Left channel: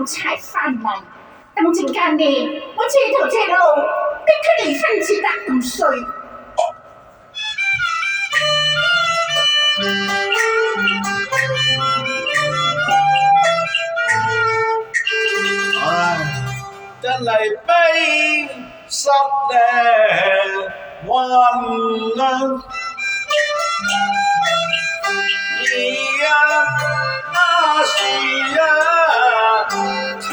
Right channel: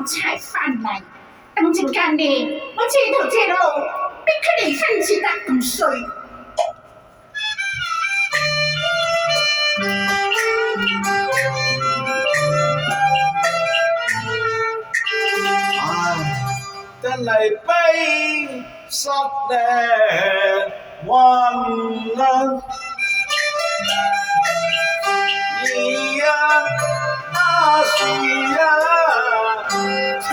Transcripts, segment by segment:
奴才翻嚟。等陣間呢，我借條借路逼佢哋親自得咁衰。真係悲失咧運啊！而家是秋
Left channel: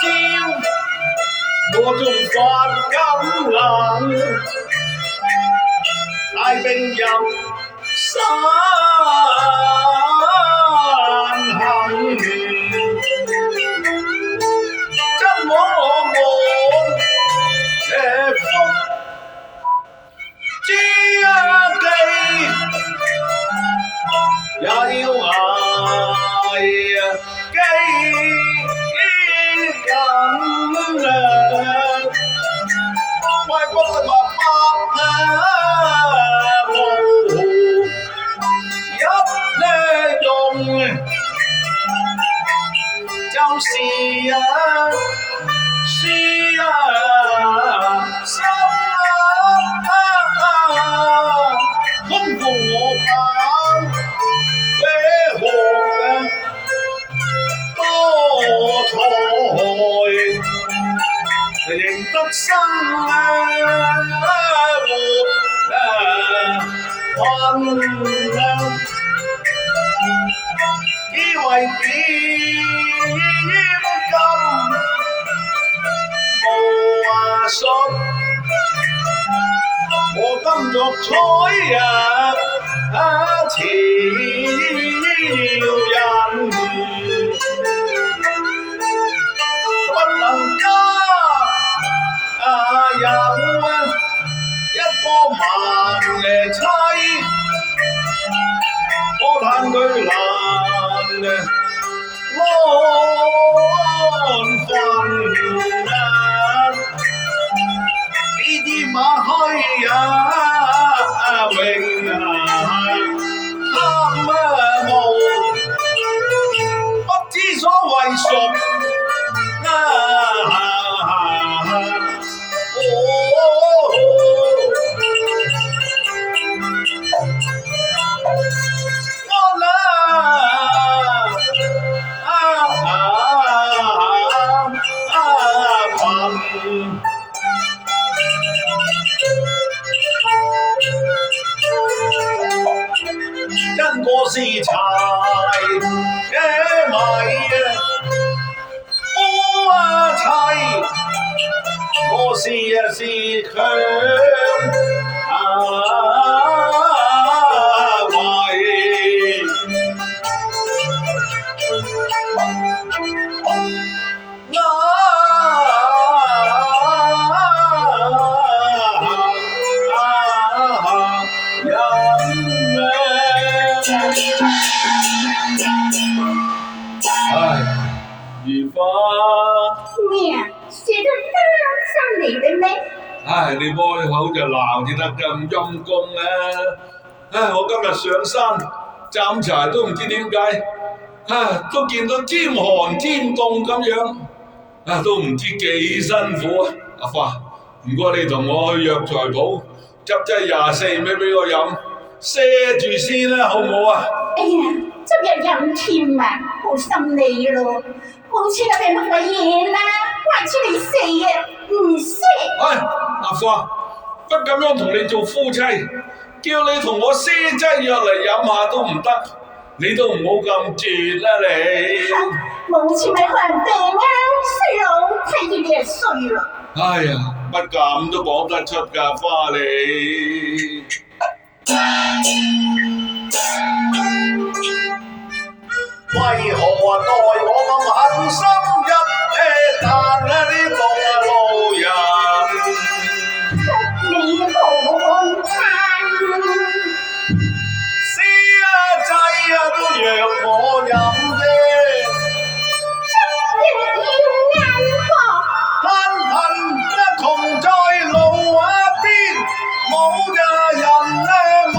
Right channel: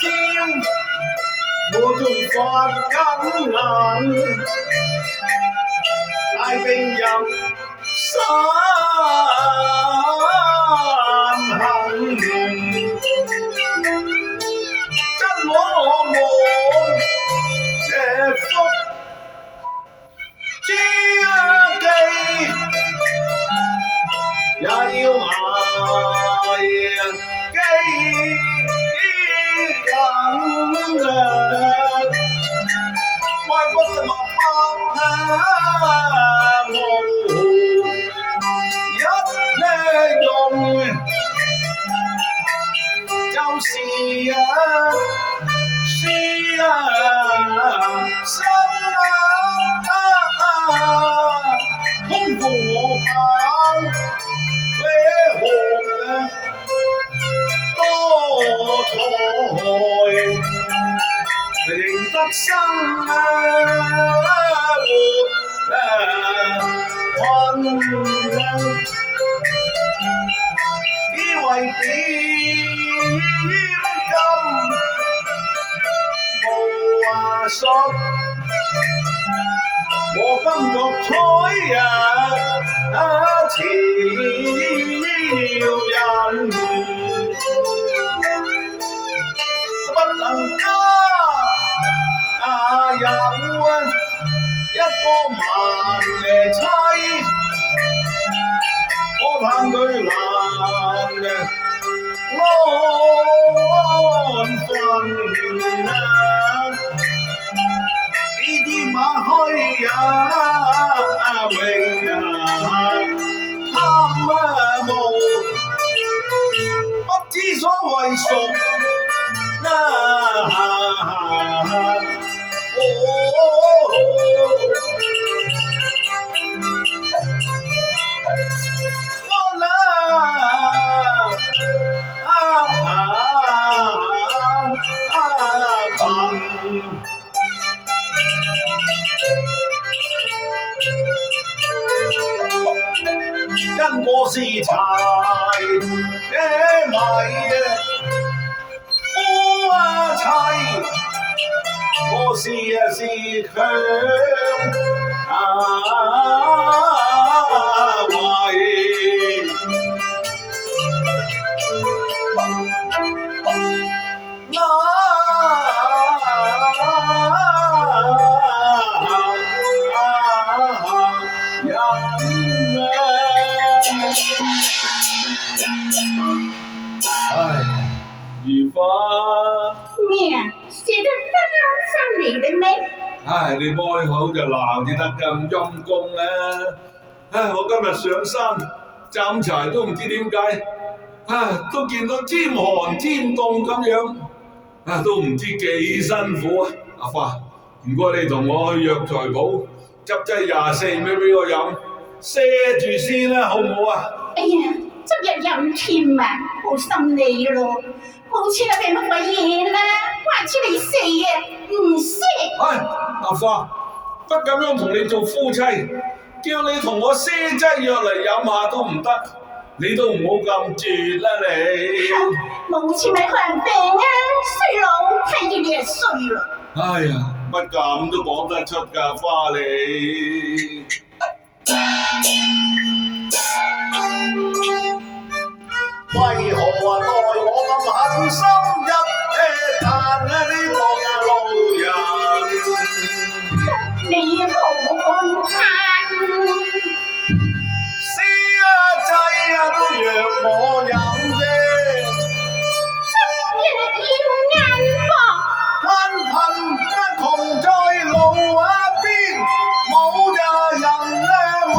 今朝我仲發緊冷，帶兵入山行，真我們嘅福知己，也要捱幾更啊！外國的話百是心空共我跑飛學多才，認得生活困以為點信我今作彩潮人，不能加有一個萬里妻，我嘆佢難安分啊！馬虛也榮貪慕，不知所謂屬跟我是柴嘅米夫妻，我是強為。如花咩啊？寫得翻嚟嘅咩？你開口就鬧至得咁陰公啊！我今日上山斬柴都唔知點解，都見到天寒天凍咁樣，都唔知幾辛苦啊！阿花，唔該你同我去藥材鋪執劑24味俾我飲，賒住先啦，好唔好啊？哎呀，執日飲添啊，好心你咯，冇錢啊，俾乜鬼嘢啦，話知你死啊，唔識。阿花，不咁樣同你做夫妻，叫你同我賒劑藥嚟飲下都唔得，你都唔好咁絕啦你。冇錢咪看病啊，衰佬睇見你就衰咯。哎呀，乜咁都講得出㗎，花你。為何待我咁狠心一劈彈呢個路人？你好嘆，死劑都讓我飲啫，今日要眼薄，貧窮在路邊，冇人問，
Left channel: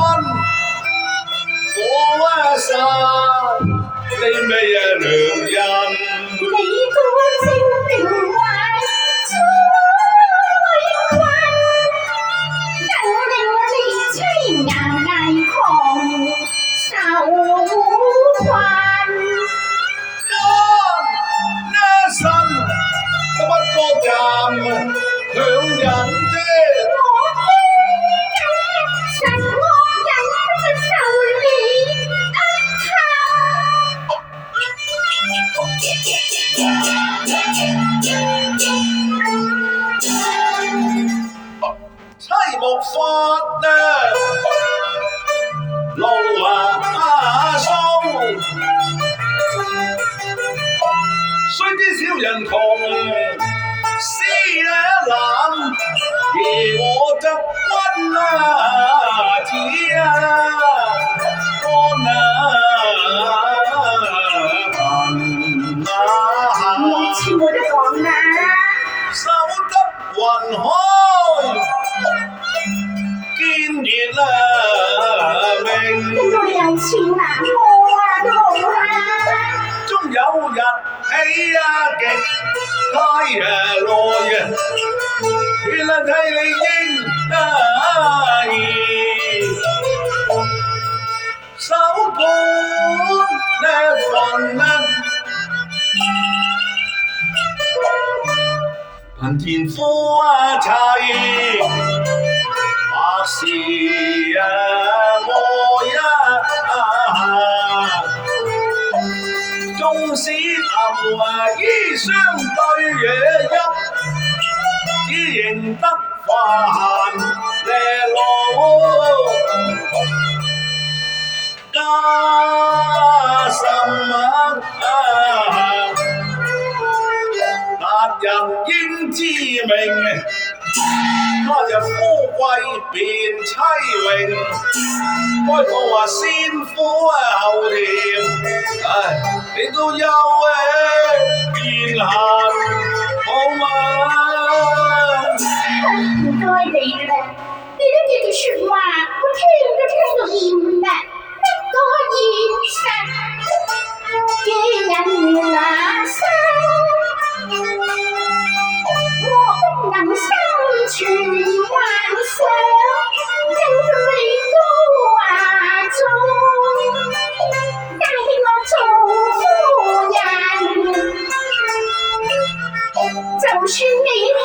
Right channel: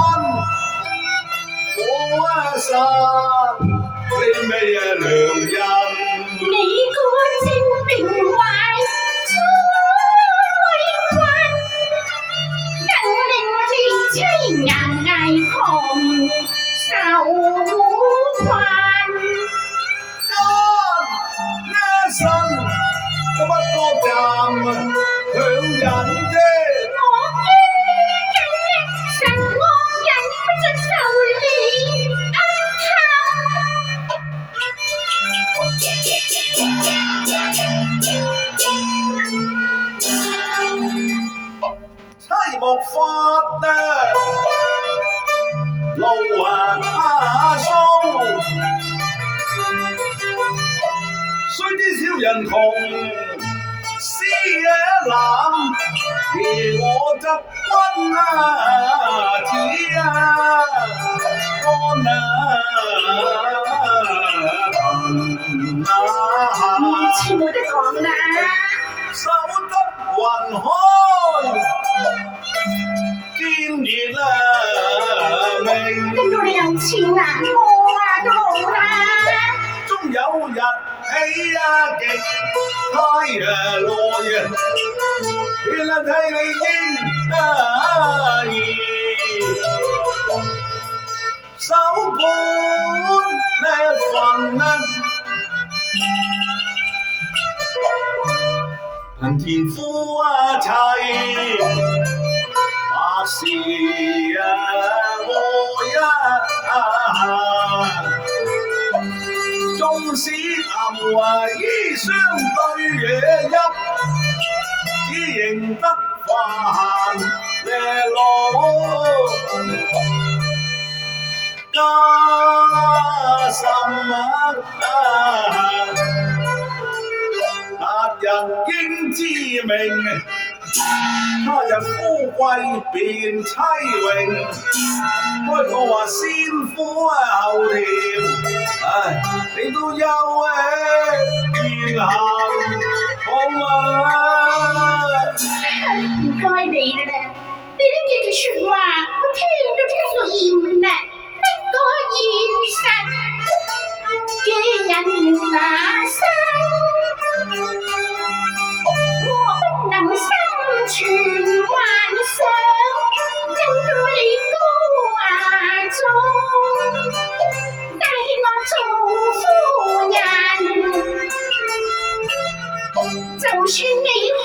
良人。你個精明壞，粗委屈，更令你凄顏危窮受困。呢生都不過站強人啫。我驚神惡人不出受你恩妻莫發啊，路鬆，雖知小人窮，思野冷，而我執君啊，子啊，安我全部都講啦。守得雲開，見月明。咁到你有錢啊，我啊都冇啦。終有日起極太耐原來替你應義，守本呢份貧田夫妻，百事愛縱使暗衣相對惹泣，只認得飯呢路加深達人應知命，他日富貴變妻榮，開講話先苦後甜，你都有言行好嗎？唔該你啦，你呢幾句説話我聽都聽到厭啦，不過現實嘅人那生，我不能生存幻想，因居高華中，帶我做夫人，就算你可。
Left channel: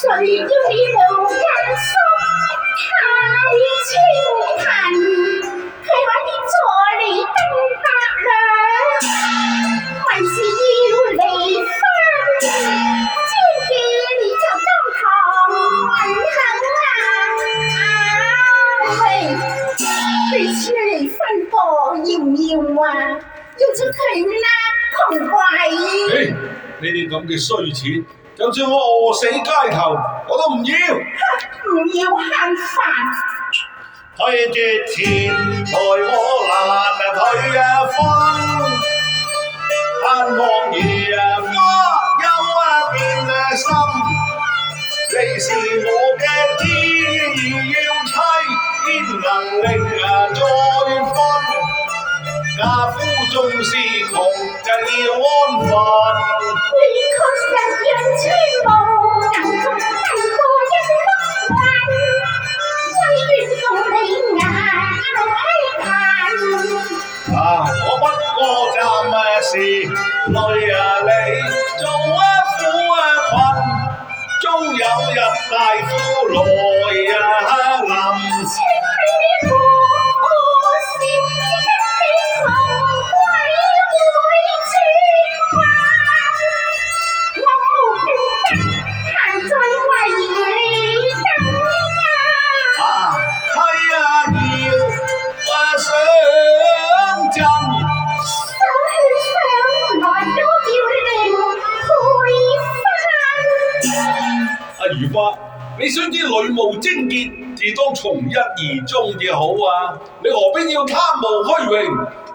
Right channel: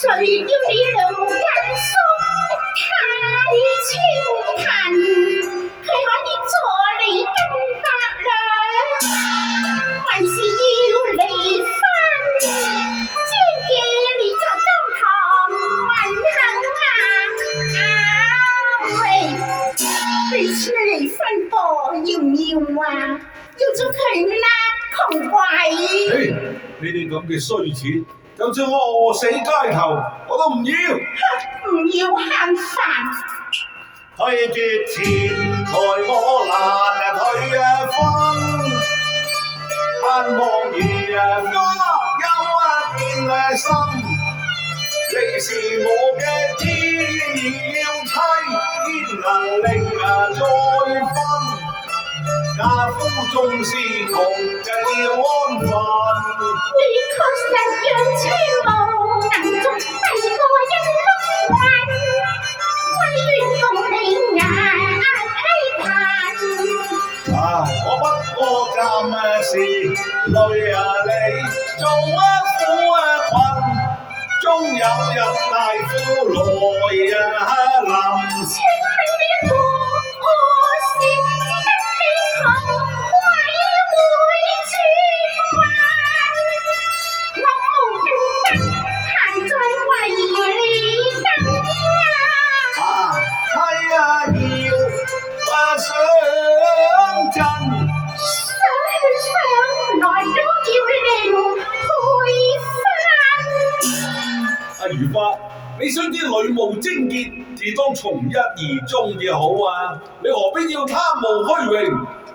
誰要你老家叔太清貧，佢可以助你金百兩，還是要離婚？只見你就當堂問肯喂，你出嚟分貨要唔要啊？要咗佢啦，窮鬼！呢啲咁嘅衰錢，就算我餓死街頭，我都唔要。唔要慳飯。推絕錢財我難退分，盼望兒花音變心，你是我嘅天要妻，天能力再分，家夫縱是窮就要安分。你確實讓車無能中低過一碌雲，歸願共你眼批貧。我不過暫時累你做苦困，終有日大富來臨。請你可惜。你須知女務貞潔，自當從一而終至好啊！你何必要貪慕虛榮？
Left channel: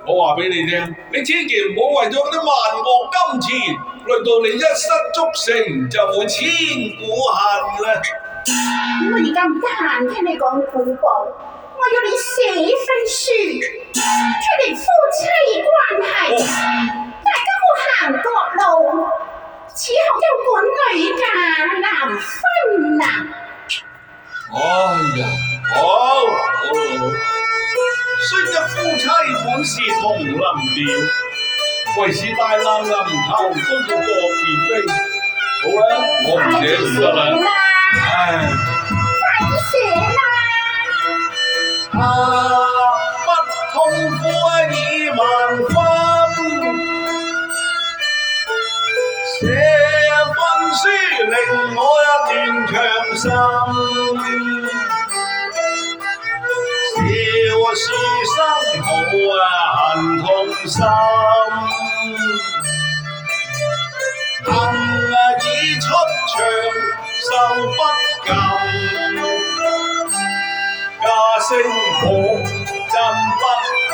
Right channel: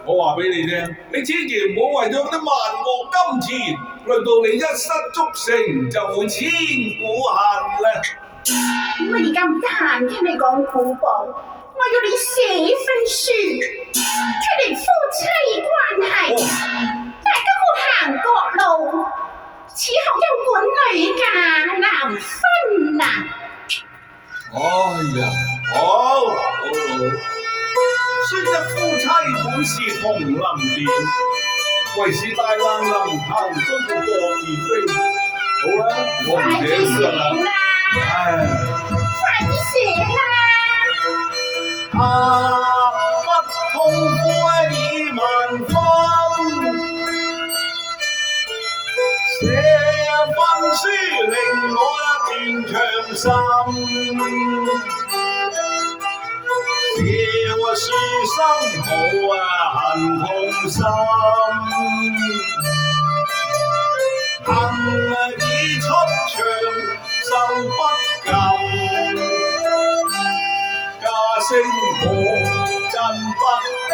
我話俾你聽，你千祈唔好為咗嗰啲萬惡金錢，累到你一失足成就會千古恨啦！我而家唔得閒聽你講古簿，我要你寫份書，決定夫妻關係，大家好行各路，此後休管女嫁難分啊！哎呀，好，雖則夫妻本是同林鳥，為是大難臨頭都要各自飛。好啦，我唔寫唔得啦。唉，快啲寫啦！不痛苦已萬分，寫份書令我一段強心，笑書生好恨痛心，恨已出場手不禁，家聲可真不幸，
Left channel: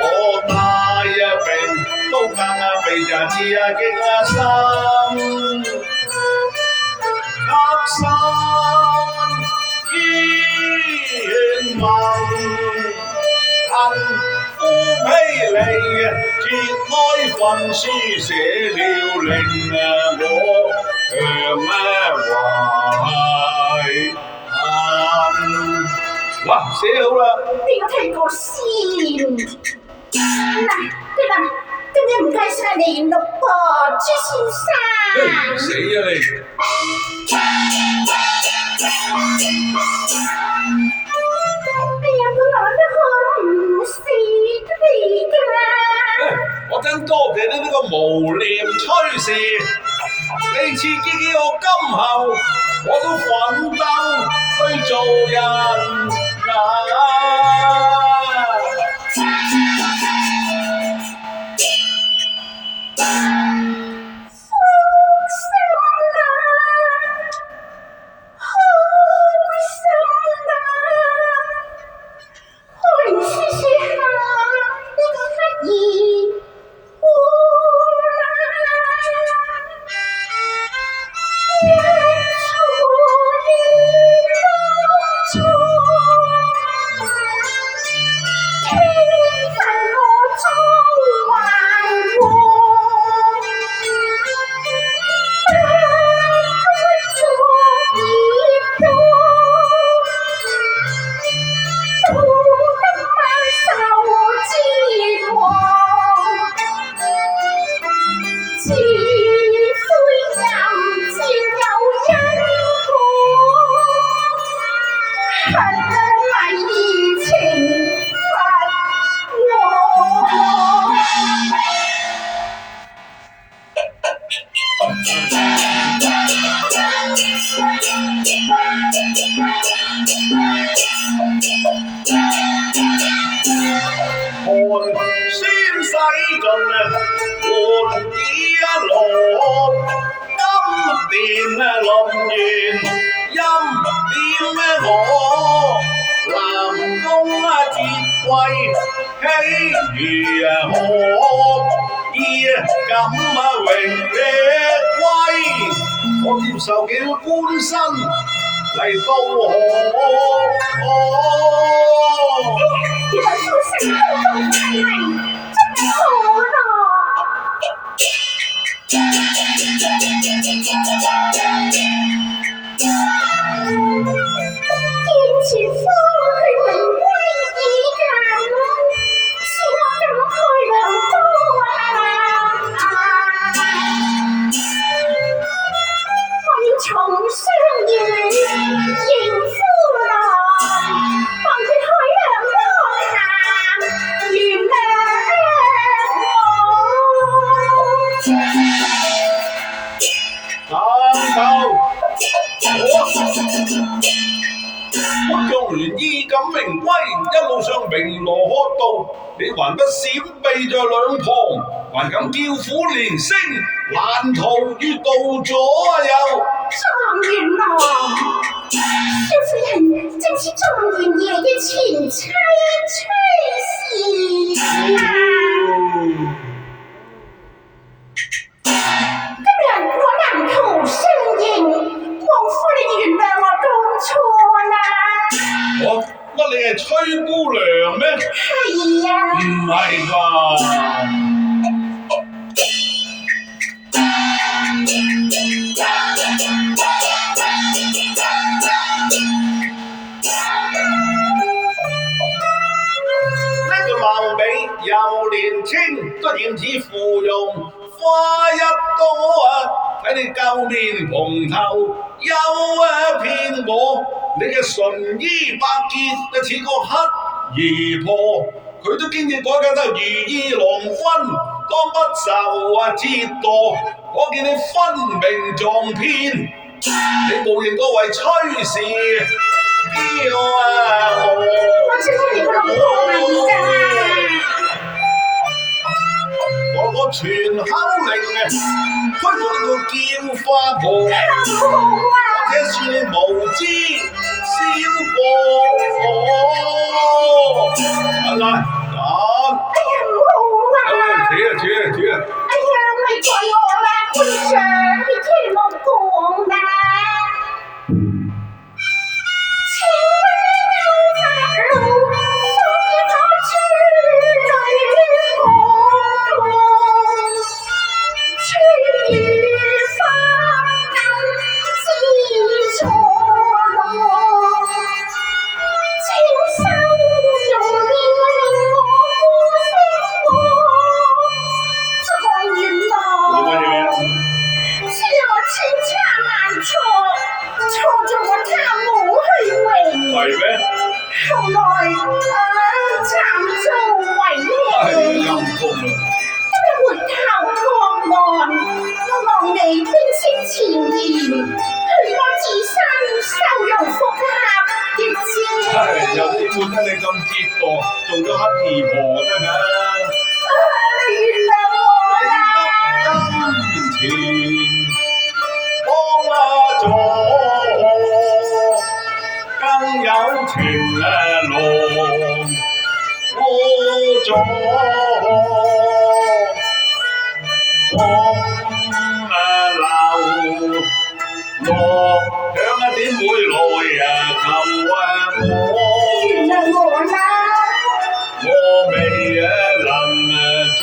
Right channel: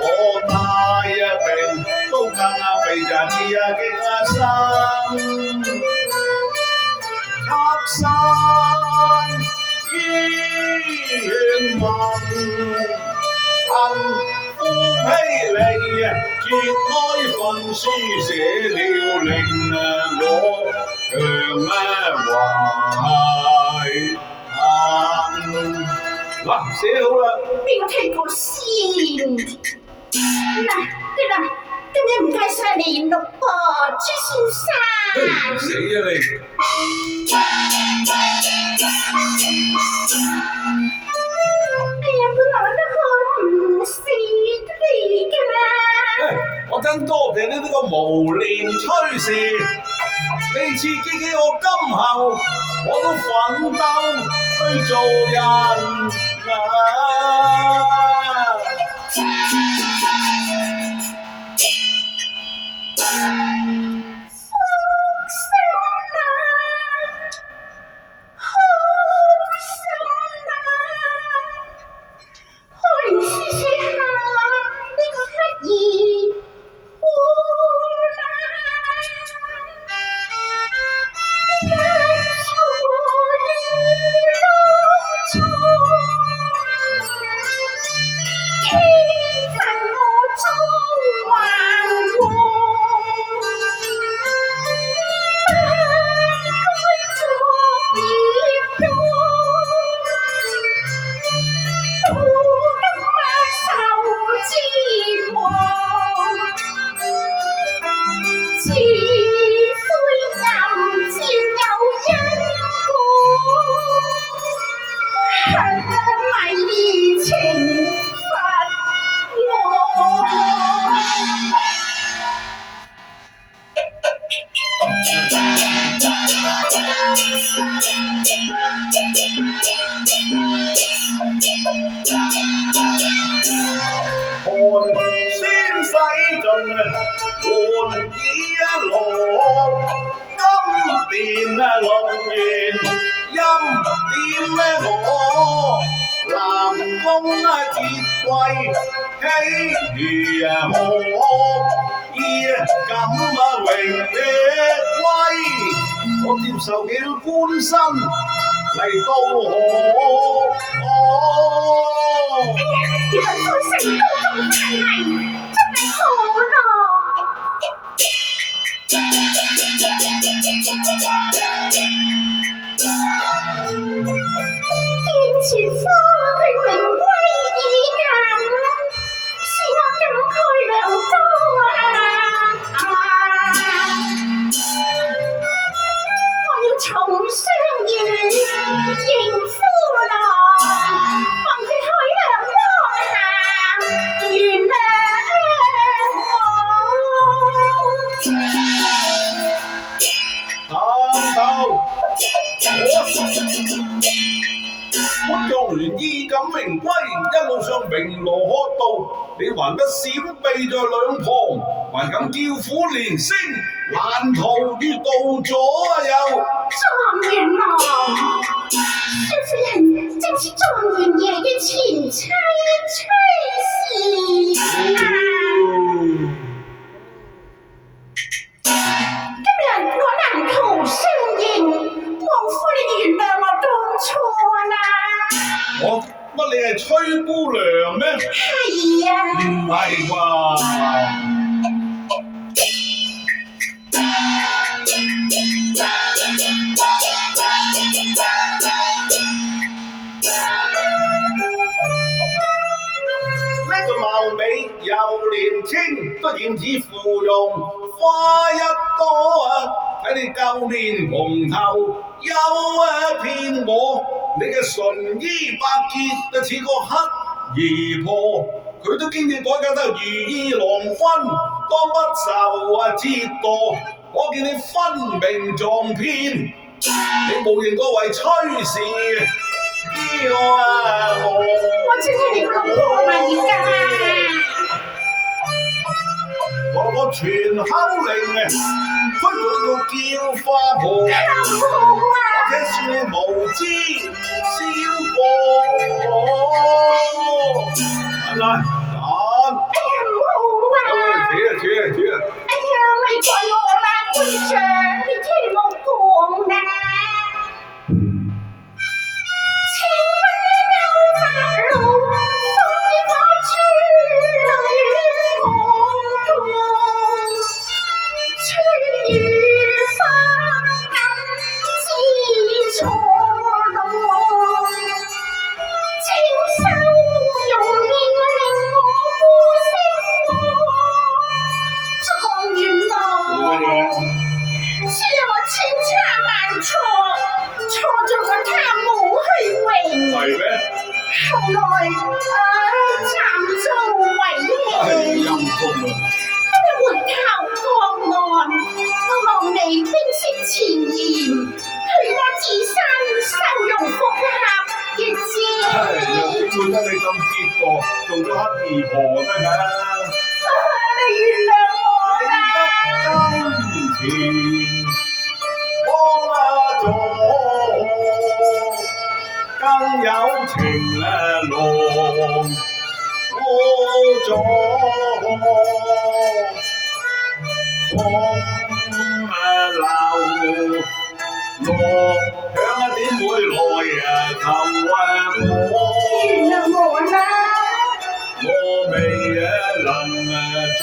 我大病都更被人刺激心，黑山煙盟，恨夫披離，揭開份書寫了令我懷恨。嗱，寫好啦。邊個聽過先？嗱，得啦，今日唔該晒你六個朱先生。死啊你！哎呀，我攞得好唔死得你㗎啦！我真多謝你呢個無廉吹事，你刺激我今後我都奮鬥去做人啊！先洗盡換衣落，金殿龍源欽點我，南宮節貴喜如何？衣錦榮威，我接受了官身嚟到原來夫妻都咁大禮，真係好咯！見前夫佢榮歸已近，使我感慨良多啊！我要重相遇，迎夫郎，幫佢開兩方下，原諒我用完衣錦榮歸，一路上鳴鑼喝道，你還不閃避在兩旁？還敢叫苦連聲，難逃於盜左右。狀元郎，少夫人正是狀元爺嘅前妻崔氏啊！今日我難逃相迎，王夫人原諒我當錯啦。我乜你係崔姑娘咩？係啊。唔係啩？貌美又年輕，都點似芙蓉花一朵啊！睇你舊面蓬頭有片磨，你嘅純衣百結就似個乞兒婆，佢都經已改嫁得如意郎君，當不受折墮。我見你分明撞騙，你無形個為崔氏驕傲。我知你個老婆嚟㗎。我個全口令推咗你個叫花婆，或者算你無知小過。嚟嚟，哎呀唔好啊！扯啊！哎呀咪怪我啦，會長，你聽我講啦。後來慘遭毀棄，今日回頭過岸，我望你冰釋前嫌，許我自身收容復合嘅啫。又點會得你咁折墮，做咗乞兒婆得㗎？你原諒我啦。金錢幫咗，更有情郎過咗，流落響點會來求我？原諒我啦。我未能做。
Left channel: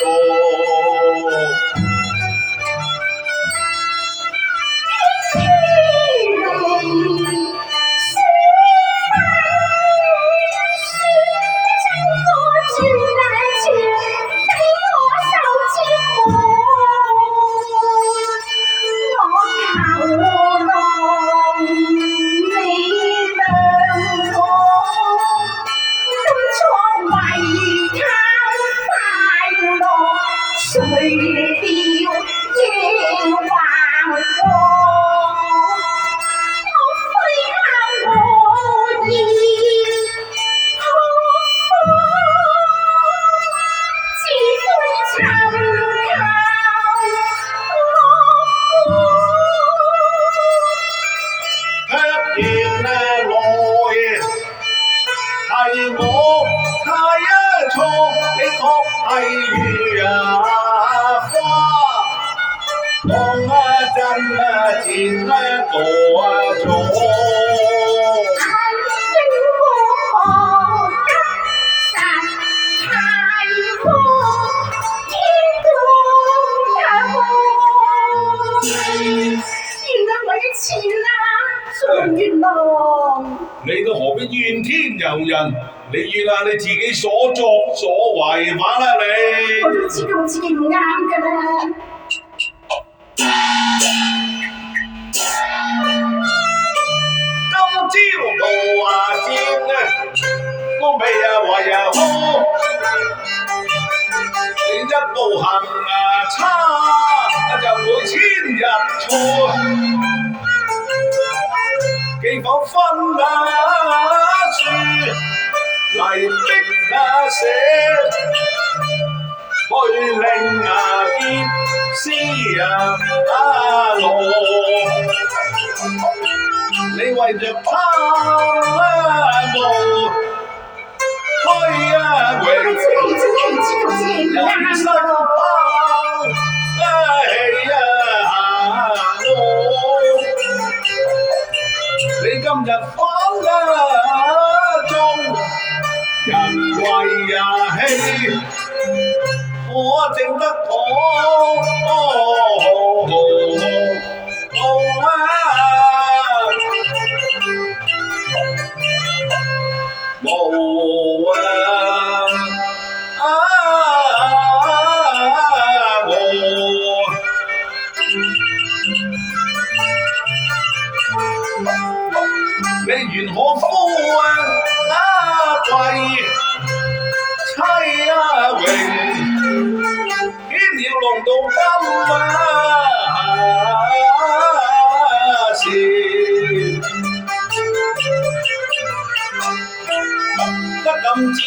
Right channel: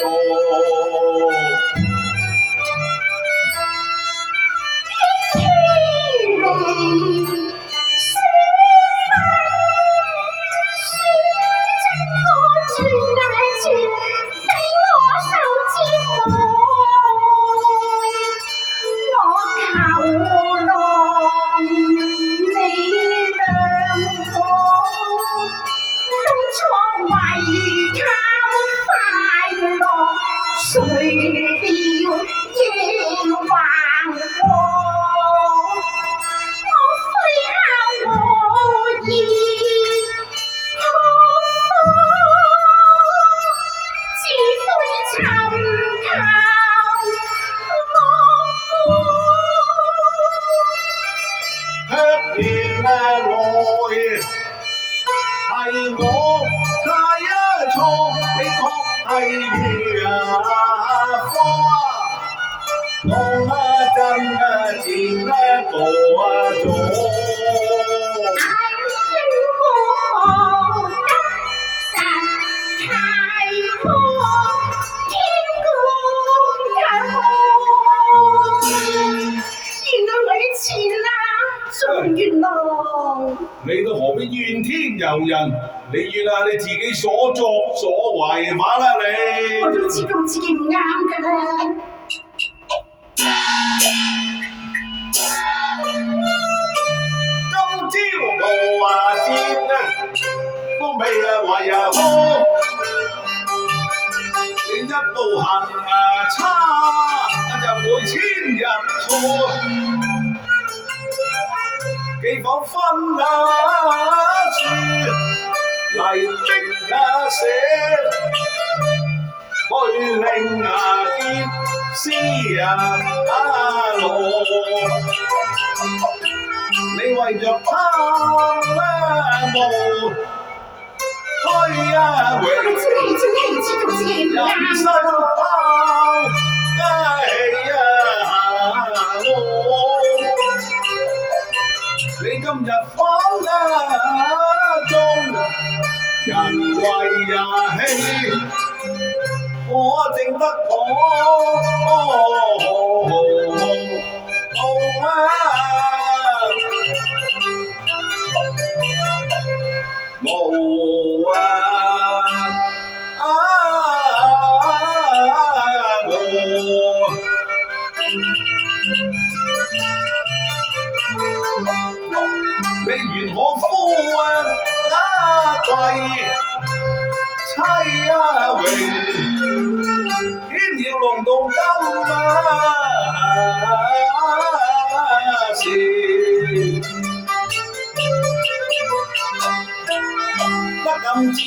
你都何必怨天尤人？你怨下你自己所作所為嘛啦你！我都知道自己唔啱㗎啦。今朝我接我未為好，你一步行差就會遷入錯。幾房分樹嚟逼寫，去令得無啊！你緣可夫貴妻榮，牽了龍到今時，不敢接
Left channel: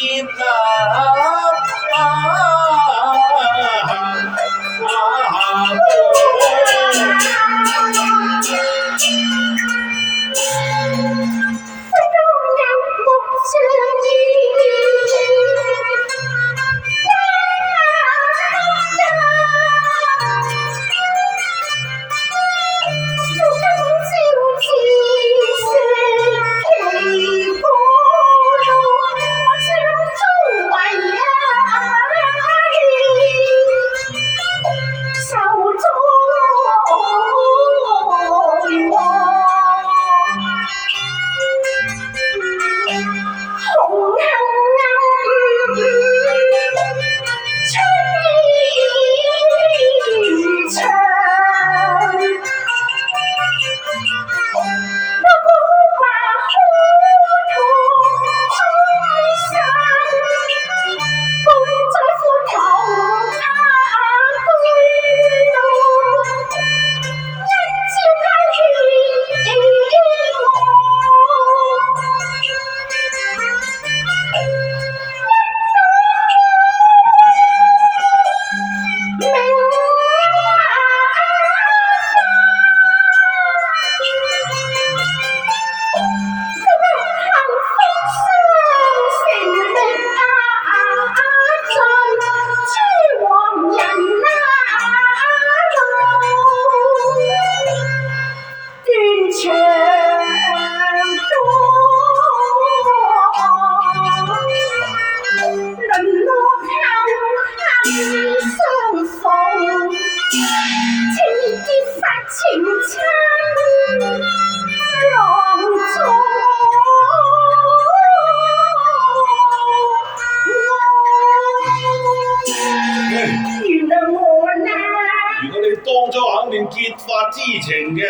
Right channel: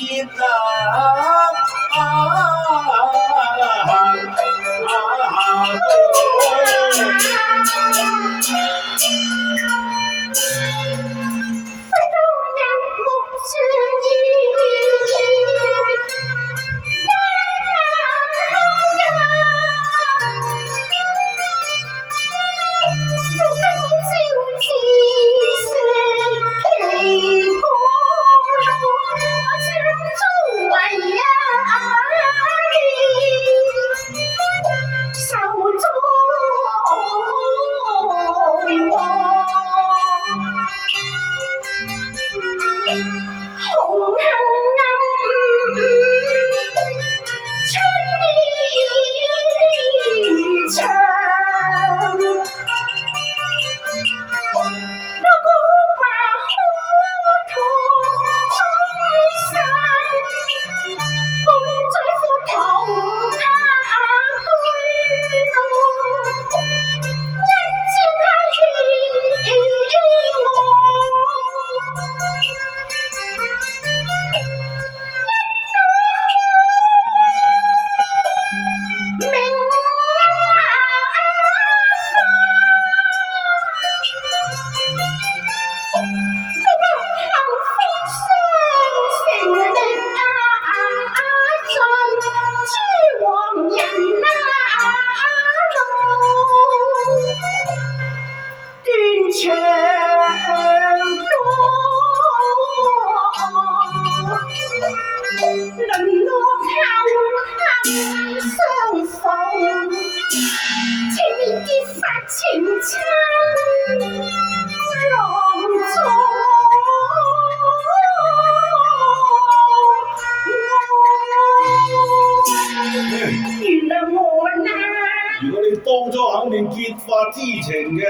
當初肯定結髮之情嘅，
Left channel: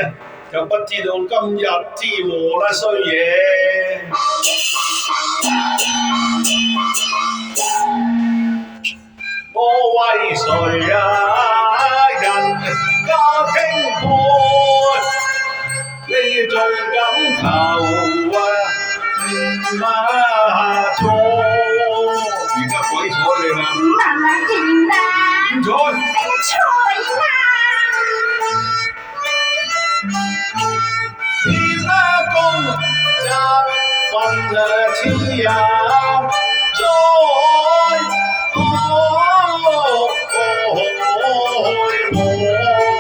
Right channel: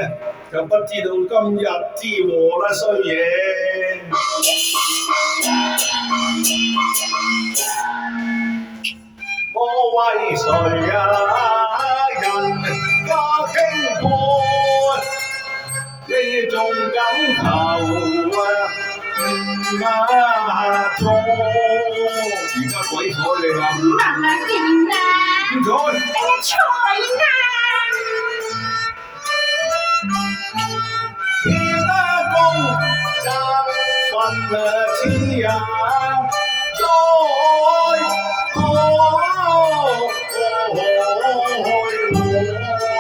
就不知道今日之禍啦，衰嘢！我為誰啊？人家傾愛，你仲敢求做？而家鬼睬你啦！唔睬！妻呀，再愛我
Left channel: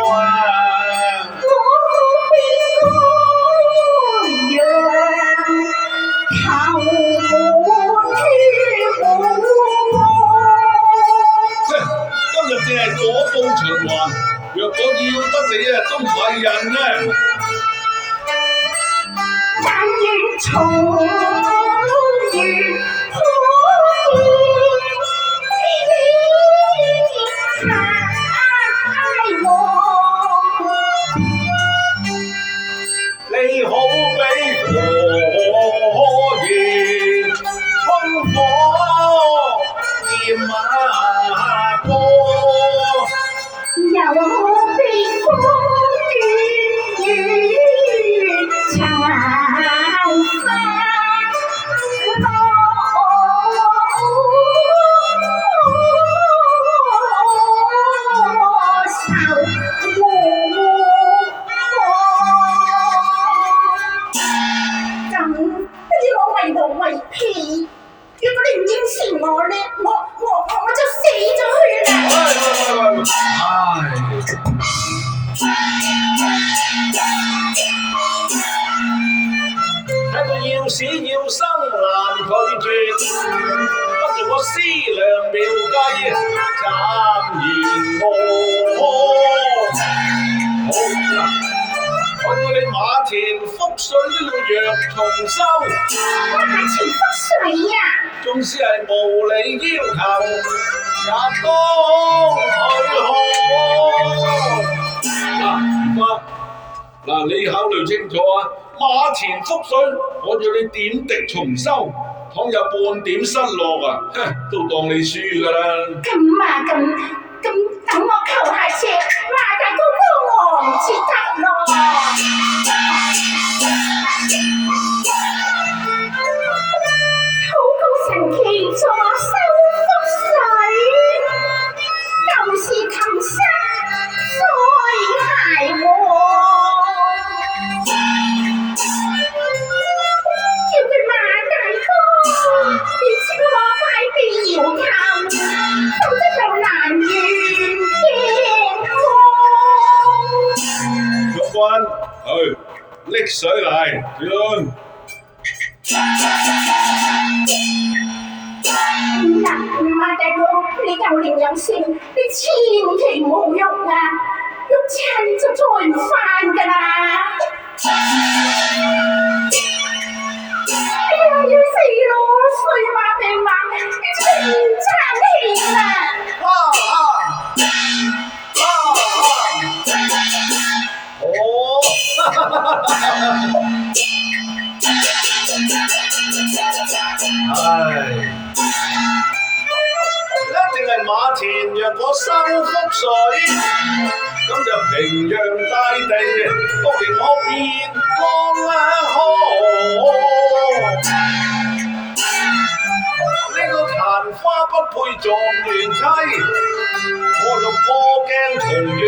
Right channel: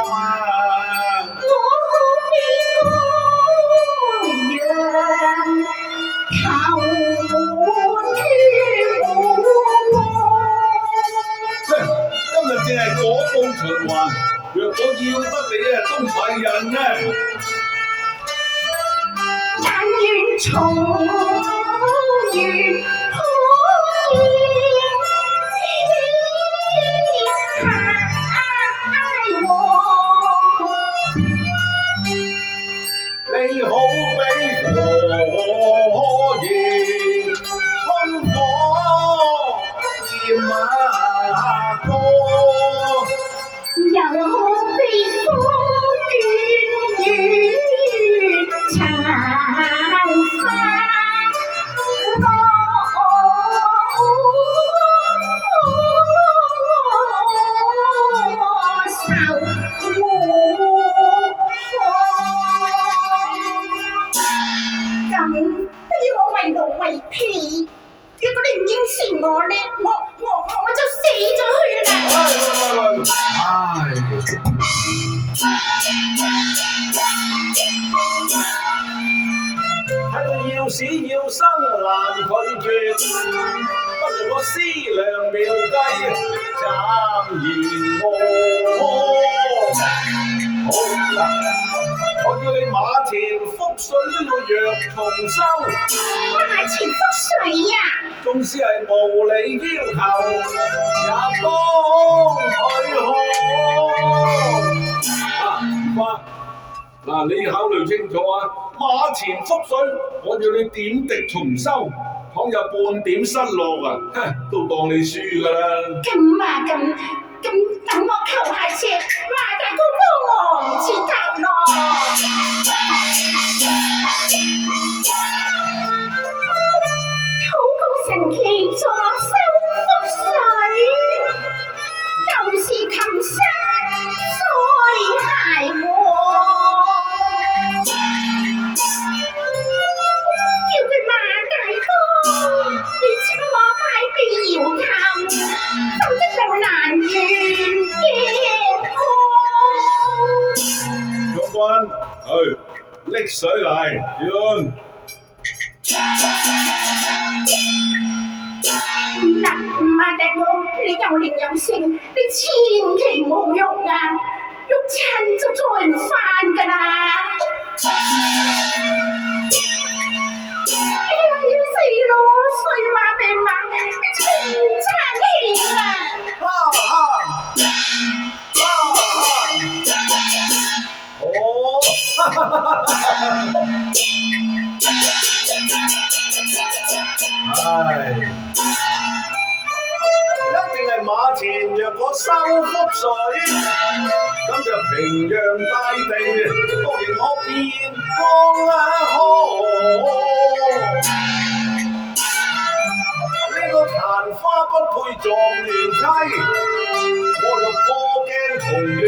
啊！今日淨係果報循環，若果要得你啊，都唔係人嘅。但願重遇可見你好比火焰烽火焰歌，又好比風斷雨殘花。為屁！如果你唔應承我咧，我就死咗佢啦！係要死要生難拒絕，不如我思量妙計，暫言重修，花錢覆水呀、縱使係無理要求，也當許可。花，嗱，你考慮清楚啊！馬前覆水，我叫你點滴重修，倘有半點失落啊，都當你輸㗎啦。咁等我求下車，馬大哥幫我至得咯。好高神奇助收覆水，就是琴聲再諧和。叫佢馬大哥，你請我快啲搖頭，否則就難圓鏡將軍，去拎水嚟，轉。唔得，馬大哥，你有靈有性，你千祈唔好喐啊！喐親就再唔返㗎啦！哎呀，要死咯！衰馬病馬，你真係唔爭氣啦！一定係馬前若果收覆水，咁就平洋大地都令我變光啦！呢個曇花不配狀元妻，我就破鏡重圓